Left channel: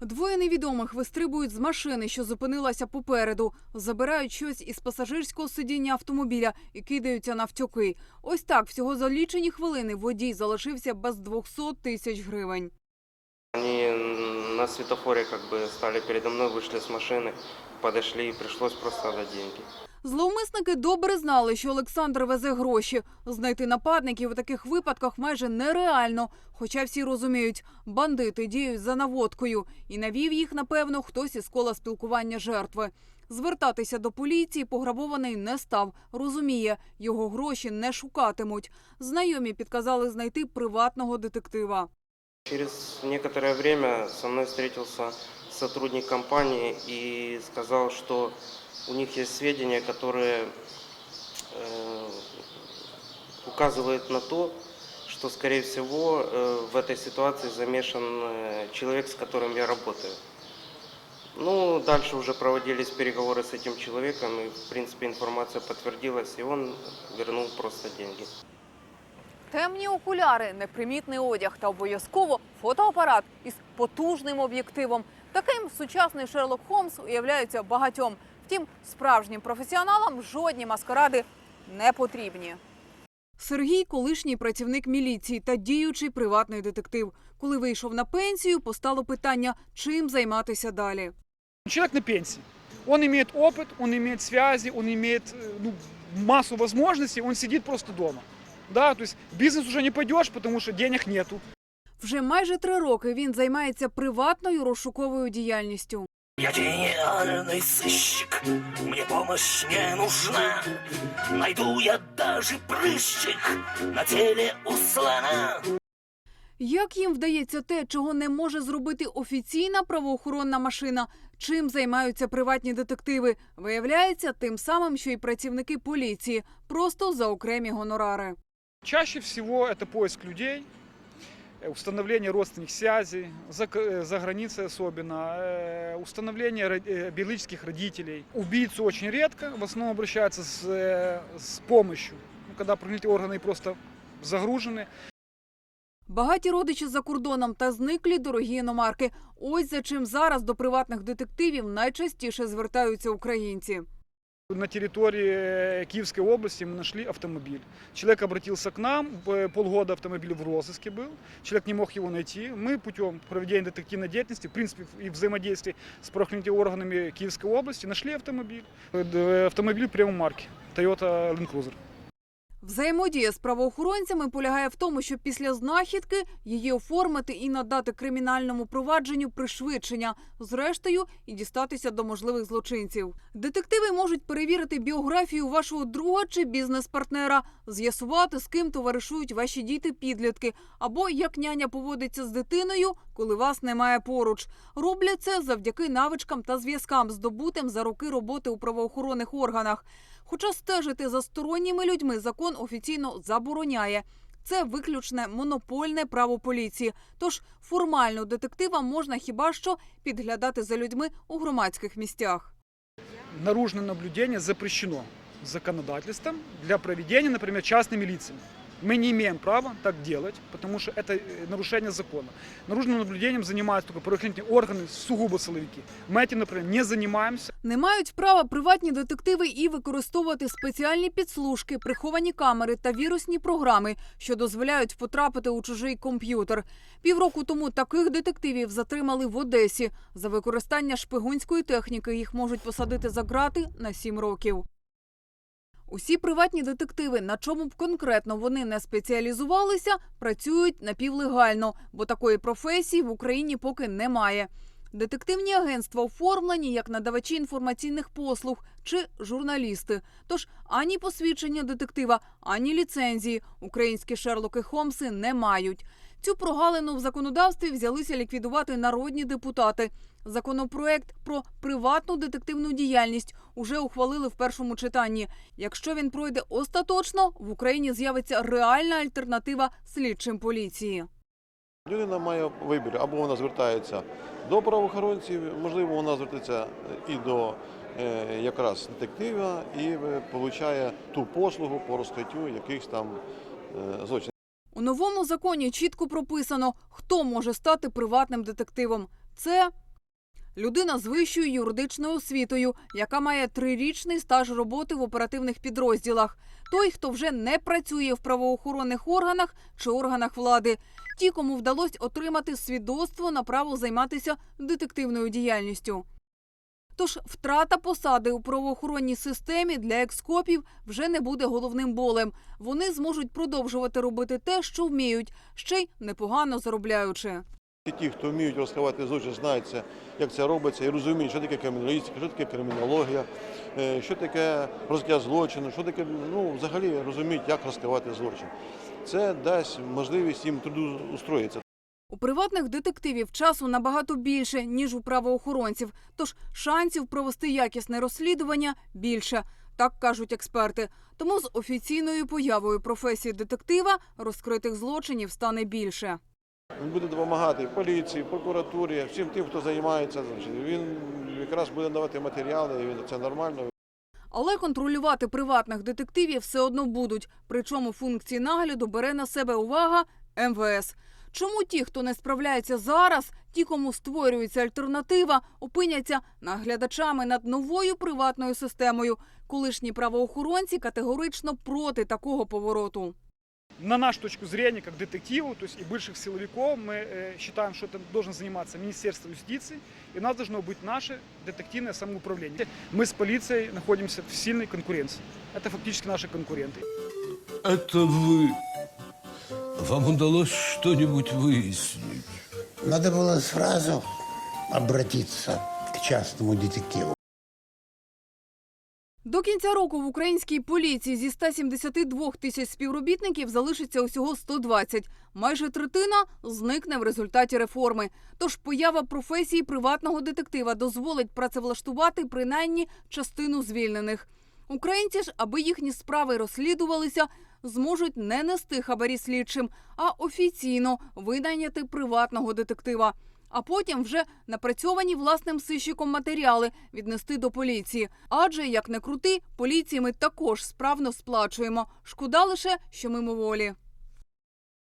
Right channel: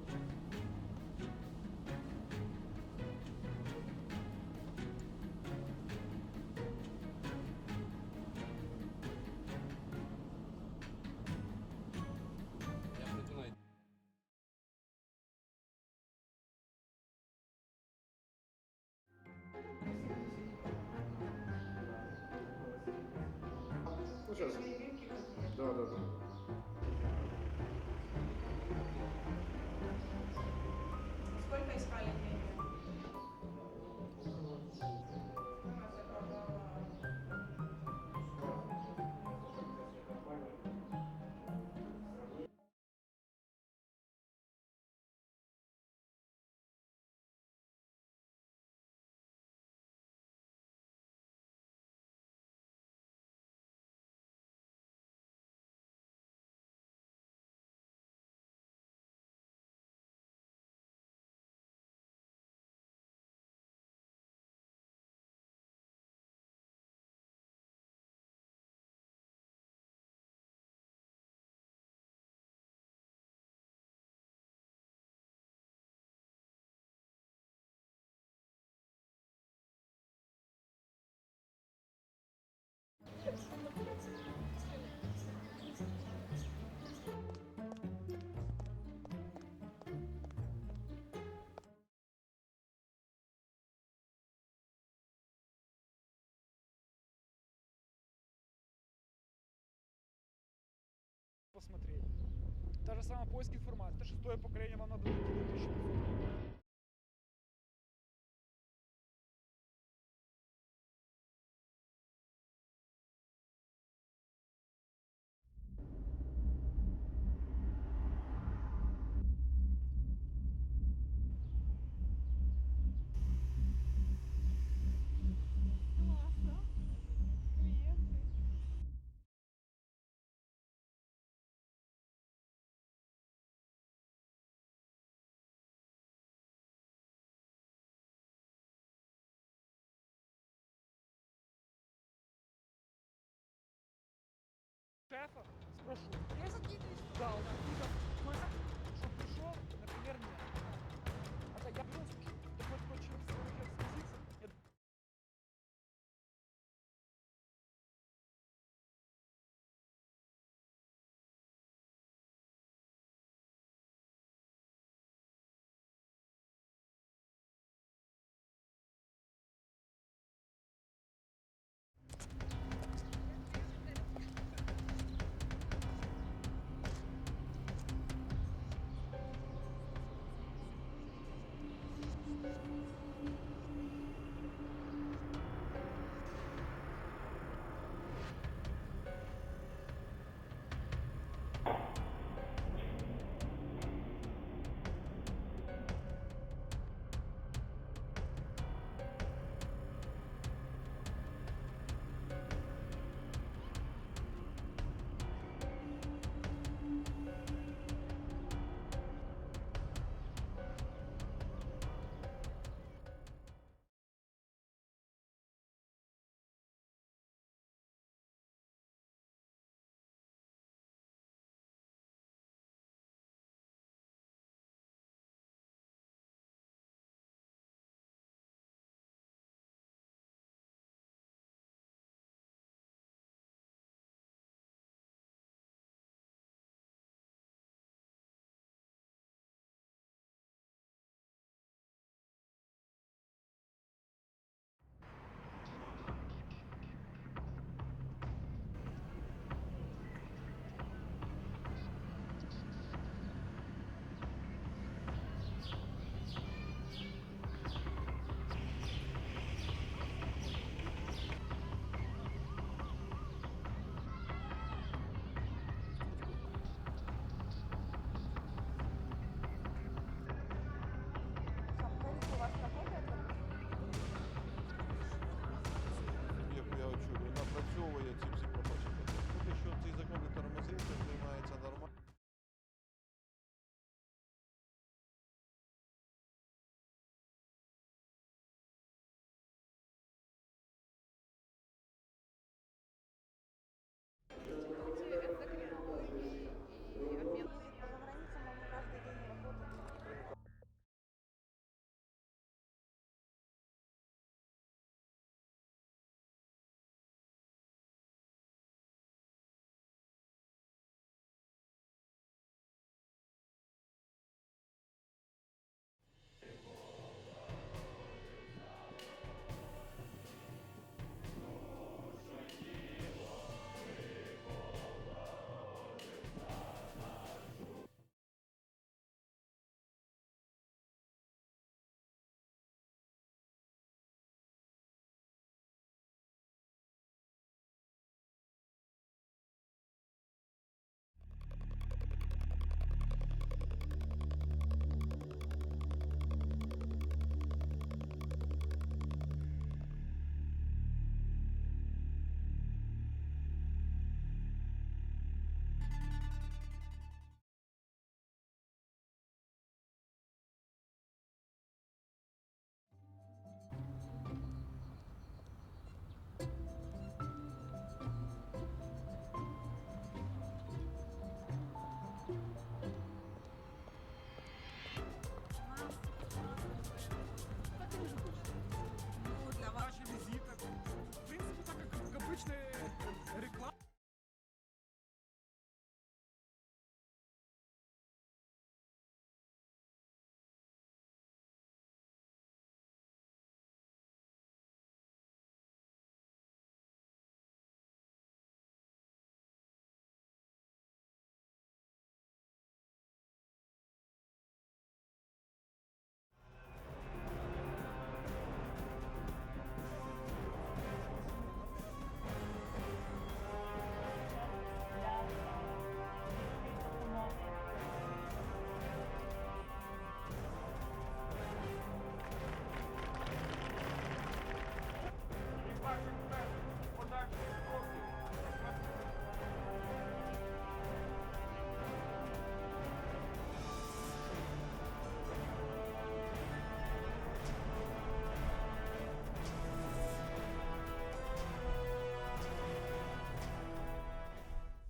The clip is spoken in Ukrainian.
Двоє невідомих вистрибують з машини, що зупинилася попереду, забирають щось із пасажирського сидіння автомобіля і кидаються навтьоки. Ось так всього за лічені хвилини водій залишився без 200 тисяч гривень. Они на светофоре как бы стали передо мной, вышли с машины, подошли и пришлось просто отдать деньги. Зловмисники добре знали, що Олександр везе гроші. Знайти нападників у таких випадках майже нереально. Хоча всі розуміють, бандити діють за наводкою, і навів їх, напевно, хтось із кола спілкування жертви. Звертатися до поліції пограбований не став. Розуміє, його гроші не шукатимуть. Знайомі підказали знайти приватного детектива. Через некоторое время со мной встретился сотрудник компании и сказал, что у них есть сведения, которые э, указывают на то, что, скорее всего, э, в этой ситуации замешан э, человек, с которым я работаю. Ну, дальше уже проводились переговоры с этим человеком, и, в принципе, информация подтвердилась, и он вернул просто деньги. Темні окуляри, непримітний одяг та обов'язково фотоапарат із потужним об'єктивом. Таким сучасний Шерлок Холмс уявляється багатьом. Втім, справжнім професіоналам жодні маскаради не потрібні. Сергій колишній працівник міліції та діючий приватний детектив. Коли вийшов на пенсію, постало питання, чим займатися далі. Человек на пенсии. Он имеет опыт, он имеет связи, он имеет ну, массу возможностей, он сидит просто дома. Да, то есть бизнес уже не пойдешь, потому что денег нету. Вже майже три роки він займається приватною розшуковою діяльністю. Я гениальный сыщик, мне помощь не нужна. Найду я даже прыщик на теле у слона. Як їм вдається те, чого не може зробити офіційна правоохоронна машина? Чим займаються приватні детективи? Виявляється, тим самим, що й працівники поліції, просто за окремі гонорари. Чаще всего это поиск людей, э, установление родственных связей, за, к- э, за границей особенно, э, установление ро- э, биологических родителей. Убийцу очень редко, в основном обращаются с, э, с помощью, ну, когда правоохранительные органы просто загружены. Багаті родичі за кордоном та зниклі дорогі іномарки. Ось за чим зараз до приватних детективів найчастіше звертаються українці. На территории э, Киевской области мы нашли автомобиль. Человек обратился к нам, э, полгода автомобиль в розыске был, человек не мог его найти. Мы путем проведения детективной деятельности, в принципе, и взаимодействия с правоохранительными органами Киевской области нашли автомобиль. Э, д- Автомобиль премиум марки Toyota Land Cruiser. Взаємодія з правоохоронцями полягає в тому, щоб після знахідки її оформити і надати кримінальному провадженню пришвидшення, зрештою і дістатися до можливих злочинців. Детективи можуть перевірити біографію вашого друга чи бізнес-партнера, з'ясувати, з ким товаришують ваші діти-підлітки, або як няня поводиться з дитиною, коли вас немає поруч. Роблять це завдяки навичкам та зв'язкам, здобутим за роки роботи у правоохоронних органах. Хоча стежити за сторонніми людьми закон офіційно забороняє. Це виключне монопольне право поліції. Тож формально детективам можна хіба що підглядати за людьми у громадських місцях. Наружне наблюдення запрещено законодательством для проведення, наприклад, частними лицами. Мы не имеем права так делать, потому что это э, нарушение закона. Наружным наблюдением занимаются только правоохранительные органы, сугубо силовики. Мы этим, например, не занимаемся. Не мають права приватні детективи і використовувати спеціальні підслужки, приховані камери та вірусні програми, що дозволяють потрапити у чужий комп'ютер. Півроку тому таких детективів затримали в Одесі. За використання шпигунської техніки їх можуть посадити за ґрати на сім років. Усі приватні детективи, на чому б конкретно вони не спеціалізувалися, працюють напівлегально, бо такої професії в Україні поки немає. Детективні агентства оформлені як надавачі інформаційних послуг чи журналісти. Тож ані посвідчення детектива, ані ліцензії українські Шерлоки Холмси не мають. Цю прогалину в законодавстві взялися ліквідувати народні депутати. Законопроект про приватну детективну діяльність уже ухвалили в першому читанні. Якщо він пройде остаточно, в Україні з'явиться реальна альтернатива слідчим поліції. Людина має вибір, або вона звертається до правоохоронців, можливо, вона звертається і до е, якраз детектива і отримує ту послугу по розкриттю якихось там е, злочинів. У новому законі чітко прописано, хто може стати приватним детективом. Це Людина з вищою юридичною освітою, яка має трирічний стаж роботи в оперативних підрозділах. Той, хто вже не працює в правоохоронних органах чи органах влади. Ті, кому вдалося отримати свідоцтво на право займатися детективною діяльністю. Тож втрата посади у правоохоронній системі для екскопів вже не буде головним болем. Вони зможуть продовжувати робити те, що вміють, ще й непогано заробляючи. Ті, хто вміють розкривати злочин, знають це, як це робиться, і розуміють, що таке криміналістика, що таке кримінологія, е, що таке розкриття злочину, що таке, ну, взагалі розуміють, як розкривати злочин. Це дасть можливість їм трудоустроїтися. У приватних детективів часу набагато більше ніж у правоохоронців, тож шансів провести якісне розслідування більше, так кажуть експерти. Тому з офіційною появою професії детектива розкритих злочинів стане більше. Він буде допомагати поліції, прокуратурі, всім тим, хто займається. Він якраз буде давати матеріали, і він це нормально. Але контролювати приватних детективів все одно будуть. Причому функції нагляду бере на себе увага МВС. Чому ті, хто не справляється зараз, ті, кому створюється альтернатива, опиняться наглядачами над новою приватною системою? Колишні правоохоронці категорично проти такого повороту. На нашу точку зрения, как детективов, то есть и бывших силовиков, мы э, считаем, что это должен заниматься Министерство юстиции, и у нас должно быть наше детективное самоуправление. Мы с полицией находимся в сильной конкуренции. Это фактически наши конкуренты. Это вы. вам удалось что-нибудь выяснить? Надо было сразу обратиться к частному детективу. До кінця року в українській поліції зі 172 тисяч співробітників залишиться усього 120. Майже третина зникне в результаті реформи. Тож поява професії приватного детектива дозволить працевлаштувати принаймні частину звільнених. Українці ж, аби їхні справи розслідувалися, зможуть не нести хабарі слідчим, а офіційно винайняти приватного детектива. А потім вже напрацьовані власним сищиком матеріали віднести до поліції. Адже як не крути, поліції ми також справно сплачуємо. Шкода лише, що мимоволі.